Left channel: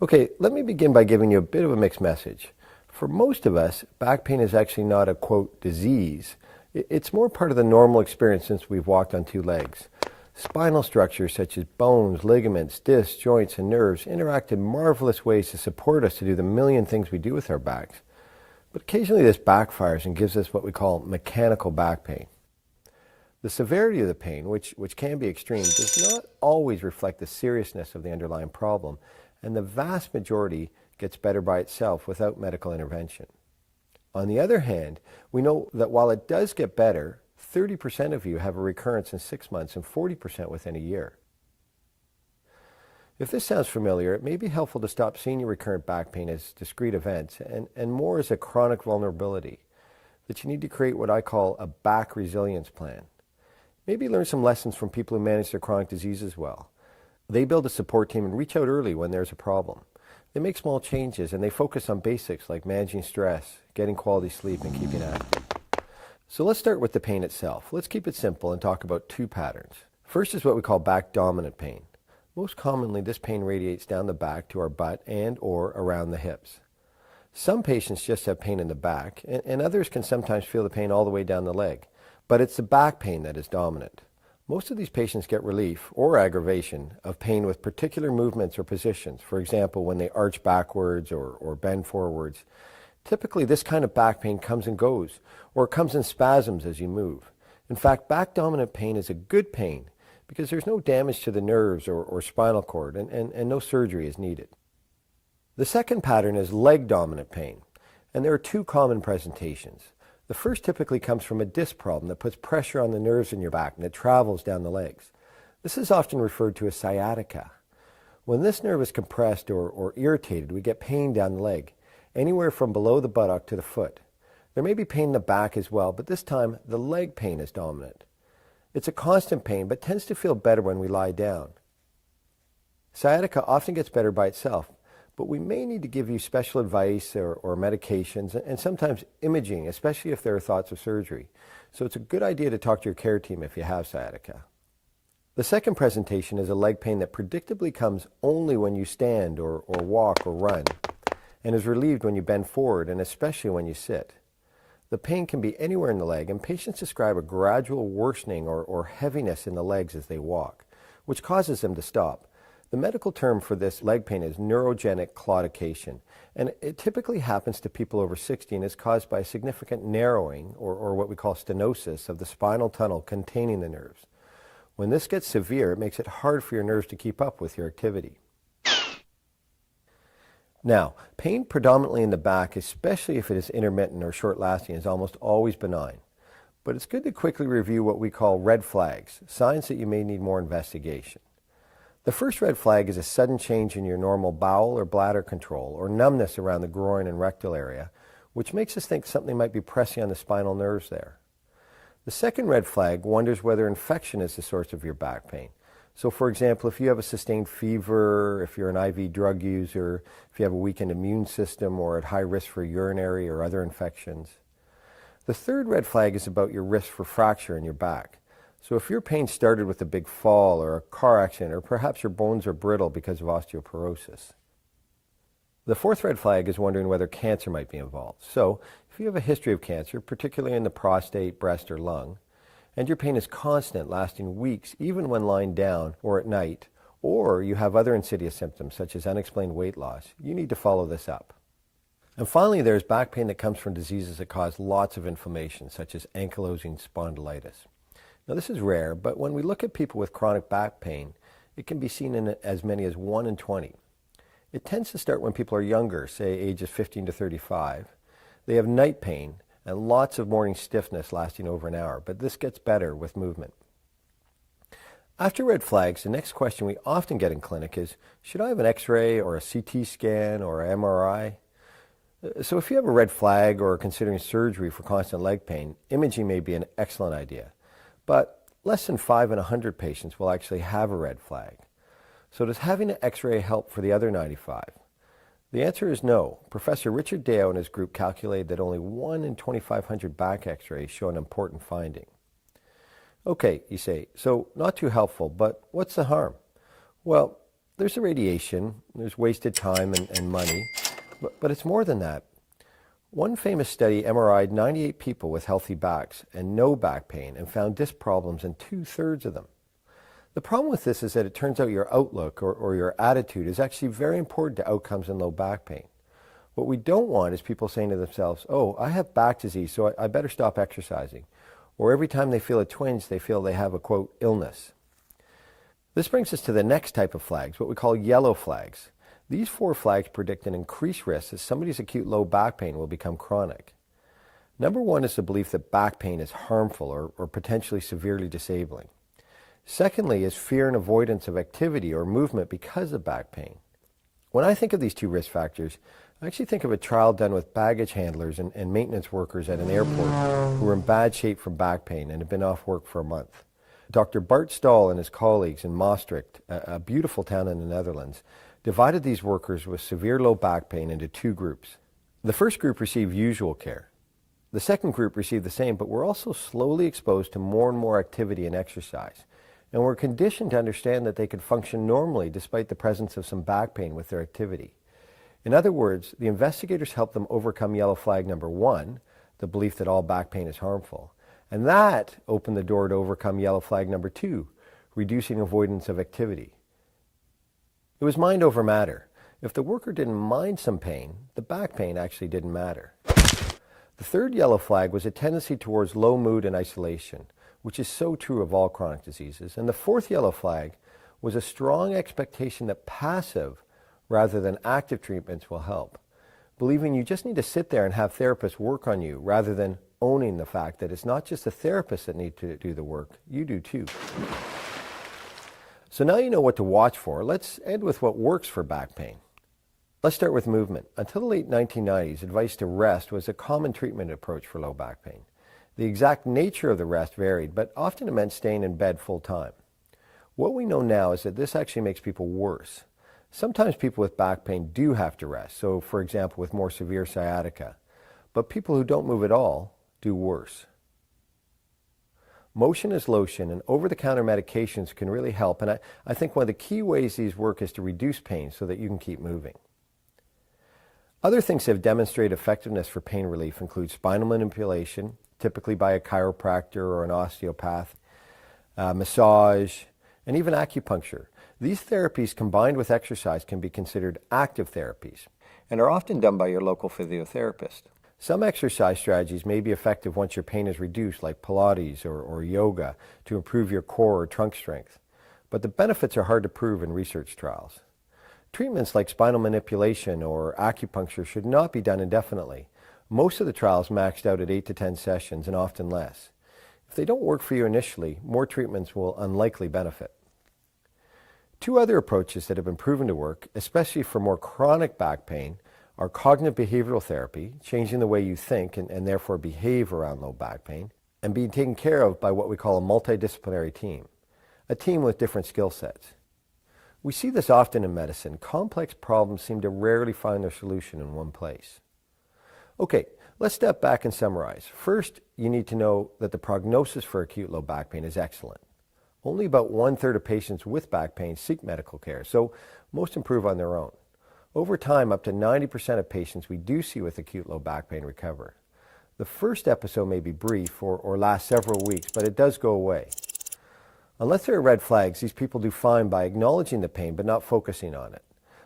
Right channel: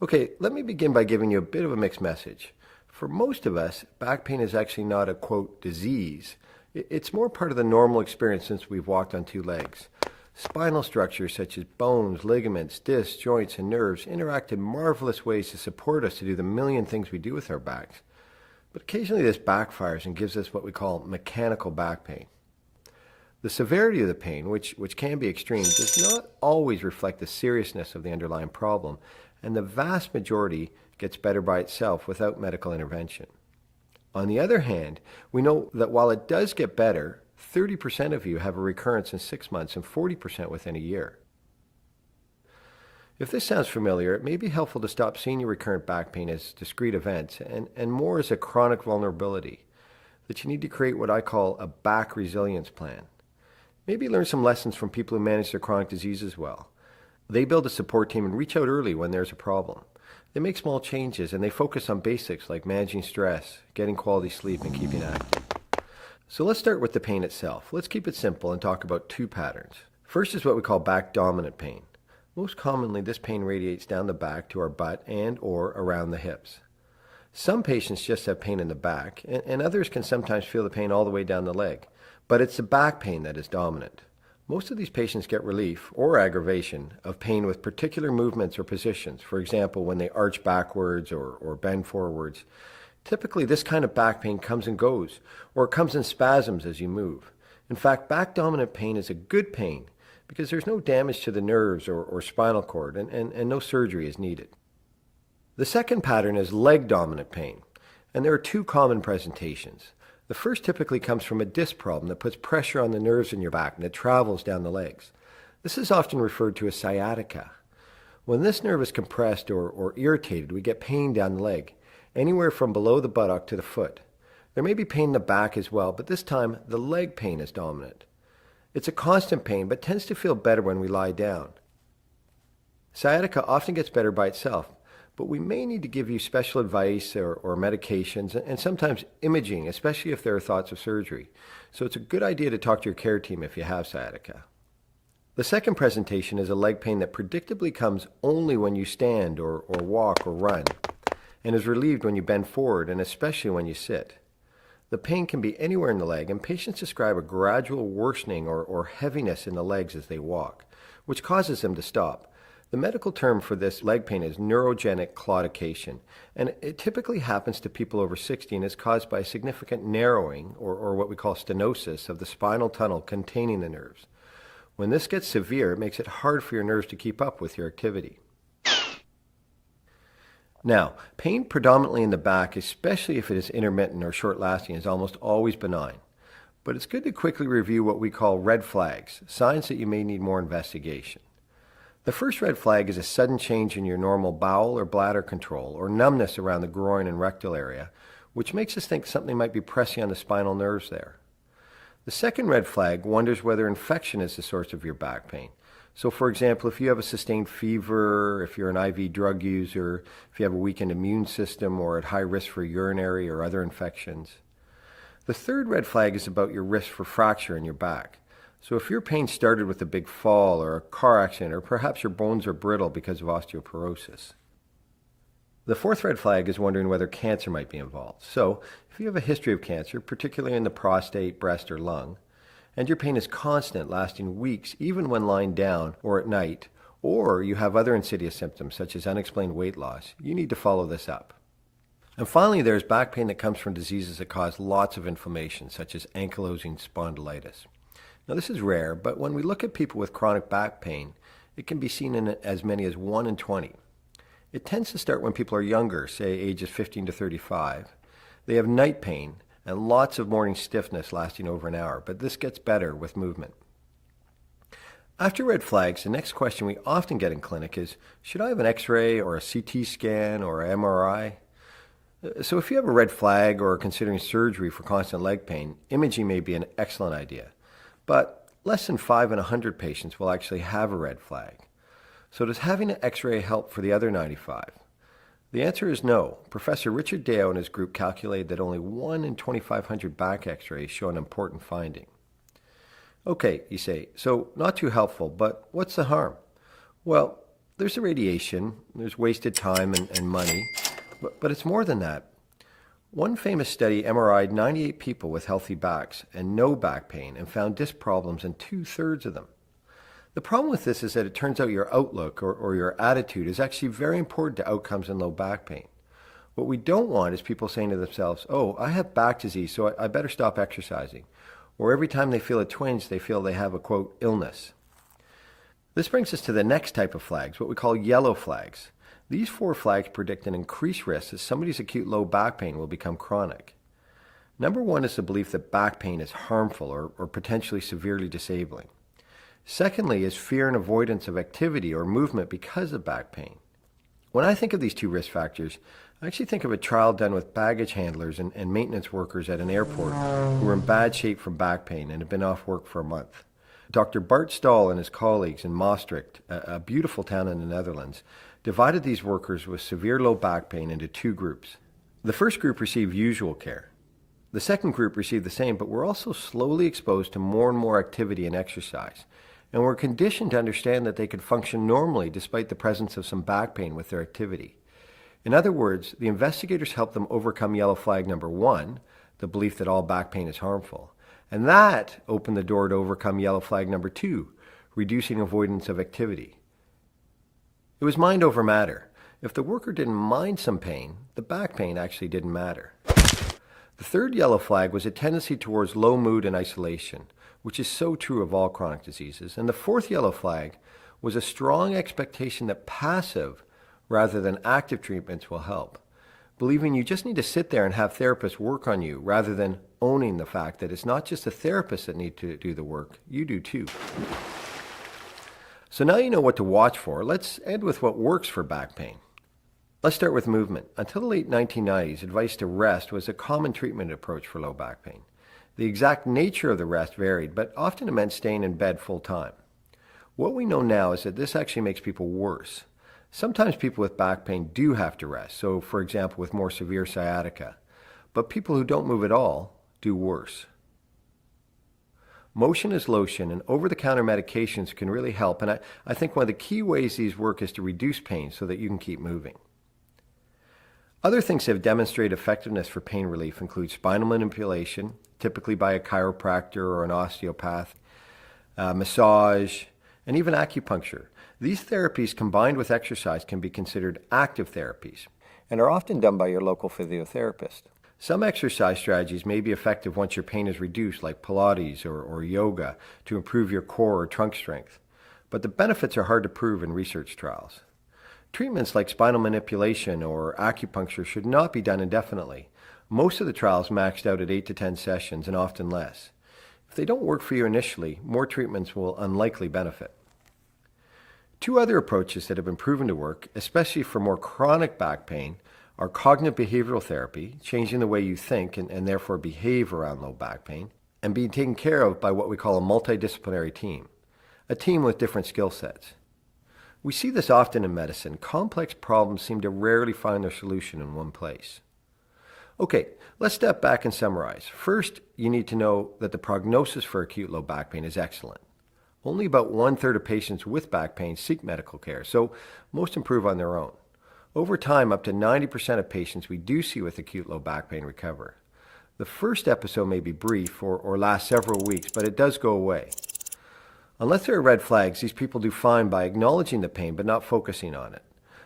Okay, let me begin by giving you a bit of a mixed message. For most of us, back pain is actually not a quote disease. It's more part of the normal experience since we've walked on two legs. Spinal structures such as bones, ligaments, discs, joints, and nerves interact in marvelous ways to support us to do the million things we do with our backs. But occasionally this backfires and gives us what we call mechanical back pain. The severity of the pain, which can be extreme, does not always reflect the seriousness of the underlying problem, and the vast majority gets better by itself without medical intervention. On the other hand, we know that while it does get better, 30% of you have a recurrence in 6 months and 40% within a year. If this sounds familiar, it may be helpful to stop seeing your recurrent back pain as discrete events and more as a chronic vulnerability, that you need to create what I call a back resilience plan. Maybe learn some lessons from people who manage their chronic diseases well. They build a support team and reach out early when there's a problem. They make small changes and they focus on basics like managing stress, getting quality sleep, and keeping active. So let's start with the pain itself. Let's keep it simple and talk about two patterns. First is what we call back dominant pain. Most commonly, this pain radiates down the back to our butt and or around the hips. Some patients just have pain in the back, and others can sometimes feel the pain all the way down the leg. But it's the back pain that is dominant. Most of these patients get relief or aggravation of pain with particular movements or positions. For example, when they arch backwards or bend forwards. Typically, this kind of back pain comes and goes, or it comes in spasms as you move. In fact, back dominant pain is a good pain because there's no damage to the nerves or spinal cord, and no surgery is needed. The second pattern is leg dominant pain, and there are two common presentations. The first typically comes from a disc problem that puts pressure on the nerves in your back and it travels down the legs. This is often referred to as sciatica. When this nerve is compressed or irritated, we get pain down the leg, anywhere from below the buttock to the foot. There may be pain in the back as well, but this time the leg pain is dominant. It's a constant pain, but tends to feel better when we lie down. Sciatica often gets better by itself, but we may need to give you special advice or medications and sometimes imaging, especially if there are thoughts of surgery. So it's a good idea to talk to your care team if you have sciatica. The second presentation is a leg pain that predictably comes only when you stand or walk or run, and is relieved when you bend forward and especially when you sit. The pain can be anywhere in the leg, and patients describe a gradual worsening or heaviness in the legs as they walk, which causes them to stop. The medical term for this leg pain is neurogenic claudication, and it typically happens to people over 60 and is caused by significant narrowing, or what we call stenosis, of the spinal tunnel containing the nerves. When this gets severe, it makes it hard for your nerves to keep up with your activity. Now, pain predominantly in the back, especially if it is intermittent or short-lasting, is almost always benign. But it's good to quickly review what we call red flags, signs that you may need more investigation. The first red flag is a sudden change in your normal bowel or bladder control, or numbness around the groin and rectal area, which makes us think something might be pressing on the spinal nerves there. The second red flag wonders whether infection is the source of your back pain. So, for example, if you have a sustained fever, if you're an IV drug user, if you have a weakened immune system or at high risk for urinary or other infections. The third red flag is about your risk for fracture in your back. So if your pain started with a big fall or a car accident, or perhaps your bones are brittle because of osteoporosis. The fourth red flag is wondering whether cancer might be involved. So if you have a history of cancer, particularly in the prostate, breast, or lung, and your pain is constant, lasting weeks, even when lying down or at night, or you have other insidious symptoms such as unexplained weight loss, you need to follow this up. And finally, there's back pain that comes from diseases that cause lots of inflammation, such as ankylosing spondylitis. Now, this is rare, but when we look at people with chronic back pain, it can be seen in as many as 1 in 20. It tends to start when people are younger, say ages 15 to 35. They have night pain and lots of morning stiffness lasting over an hour, but this gets better with movement. After red flags, the next question we often get in clinic is, should I have an X-ray or a CT scan or an MRI? So if you have a red flag or are considering surgery for constant leg pain, imaging may be an excellent idea. But less than 5 in 100 patients will actually have a red flag. So does having an X-ray help for the other 95? The answer is no. Professor Richard Deo and his group calculated that only 1 in 2,500 back X-rays show an important finding. Okay, you say, so not too helpful, but what's the harm? Well, There's the radiation, there's wasted time and money, but it's more than that. One famous study MRI'd 98 people with healthy backs and no back pain and found disc problems in 2/3 of them. The problem with this is that it turns out your outlook or your attitude is actually very important to outcomes in low back pain. What we don't want is people saying to themselves, oh, I have back disease, so I better stop exercising. Or every time they feel a twinge, they feel they have a, quote, illness. This brings us to the next type of flags, what we call yellow flags. These 4 flags predict an increased risk that somebody's acute low back pain will become chronic. Number 1 is the belief that back pain is harmful or potentially severely disabling. Secondly is fear and avoidance of activity or movement because of back pain. When I think of these 2 risk factors, I actually think of a trial done with baggage handlers and maintenance workers at an airport who were in bad shape from back pain and had been off work for a month. Dr. Bart Staal and his colleagues in Maastricht, a beautiful town in the Netherlands, divided these workers with severe low back pain into 2 groups. The first group received usual care. The second group received the same, but were also slowly exposed to more and more activity and exercise, and were conditioned to understand that they could function normally despite the presence of some back pain with their activity. In other words, the investigators helped them overcome yellow flag number 1, the belief that all back pain is harmful, and that opened the door to overcome yellow flag number 2, reducing avoidance of activity. It was mind over matter. If the worker didn't mind some pain, the back pain actually didn't matter. The third yellow flag was a tendency towards low mood and isolation, which is so true of all chronic diseases. And the fourth yellow flag was a strong expectation that passive rather than active treatments will help, believing you just need to sit there and have therapists work on you rather than owning the fact that it's not just the therapists that need to do the work, you do too. So now you know what to watch for. Let's end with what works for back pain. Let's start with movement. Until the late 1990s, advice to rest was a common treatment approach for low back pain. The exact nature of the rest varied, but often it meant staying in bed full time. What we know now is that this actually makes people worse. Sometimes people with back pain do have to rest, so for example with more severe sciatica, but people who don't move at all do worse. Motion is lotion, and over-the-counter medications can really help, and I think one of the key ways these work is to reduce pain so that you can keep moving. Other things that have demonstrated effectiveness for pain relief include spinal manipulation, typically by a chiropractor or an osteopath, massage, and even acupuncture. These therapies combined with exercise can be considered active therapies and are often done by your local physiotherapist. Some exercise strategies may be effective once your pain is reduced, like Pilates or yoga, to improve your core or trunk strength, but the benefits are hard to prove in research trials. Treatments like spinal manipulation or acupuncture should not be done indefinitely. Most of the trials maxed out at 8 to 10 sessions and often less. If they don't work for you initially, more treatments will unlikely benefit. Two other approaches that have been proven to work, especially for more chronic back pain, are cognitive behavioral therapy, changing the way you think and therefore behave around low back pain, and being taken care of by what we call a multidisciplinary team, a team with different skill sets. We see this often in medicine. Complex problems seem to rarely find their solution in one place. Okay, let's step back and summarize. First, you need to know that the prognosis for acute low back pain is excellent. Only about 1/3 of patients with back pain seek medical care, so most improve on their own. Over time, up to 90% of patients we do see with acute low back pain recover. The first episode may be brief or last several weeks, but it does go away. Unless there are red flags, these people do fine by acknowledging the pain but not focusing on it,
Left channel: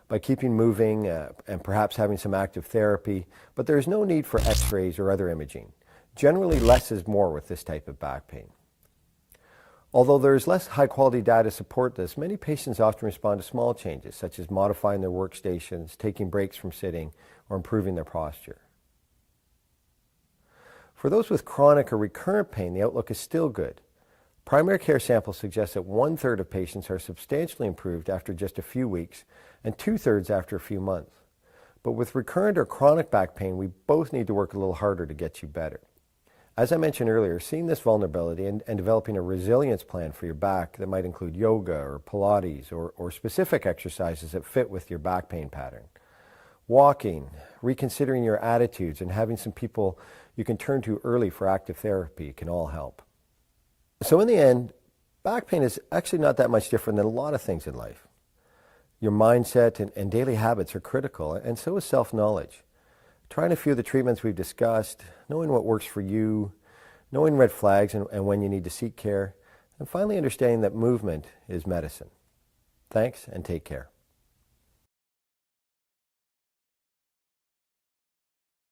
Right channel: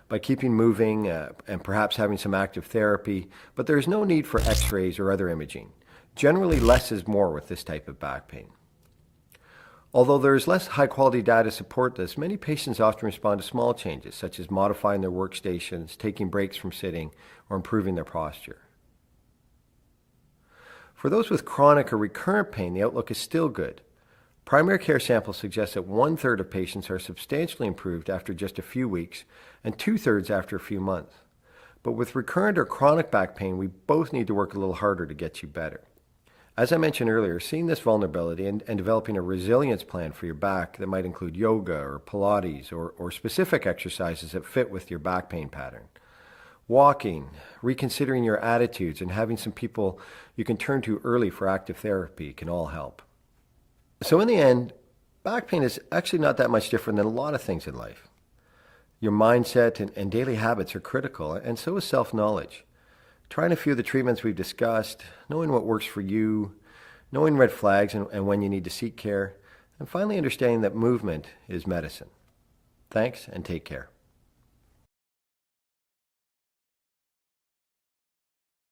by keeping moving and perhaps having some active therapy, but there is no need for x-rays or other imaging. Generally, less is more with this type of back pain. Although there is less high-quality data to support this, many patients often respond to small changes, such as modifying their workstations, taking breaks from sitting, or improving their posture. For those with chronic or recurrent pain, the outlook is still good. Primary care samples suggest that 1/3 of patients are substantially improved after just a few weeks, and 2/3 after a few months. But with recurrent or chronic back pain, we both need to work a little harder to get you better. As I mentioned earlier, seeing this vulnerability and developing a resilience plan for your back that might include yoga or Pilates or specific exercises that fit with your back pain pattern. Walking, reconsidering your attitudes, and having some people you can turn to early for active therapy can all help. So in the end, back pain is actually not that much different than a lot of things in life. Your mindset and daily habits are critical, and so is self-knowledge. Trying a few of the treatments we've discussed, knowing what works for you, knowing red flags and when you need to seek care, and finally understanding that movement is medicine. Thanks, and take care.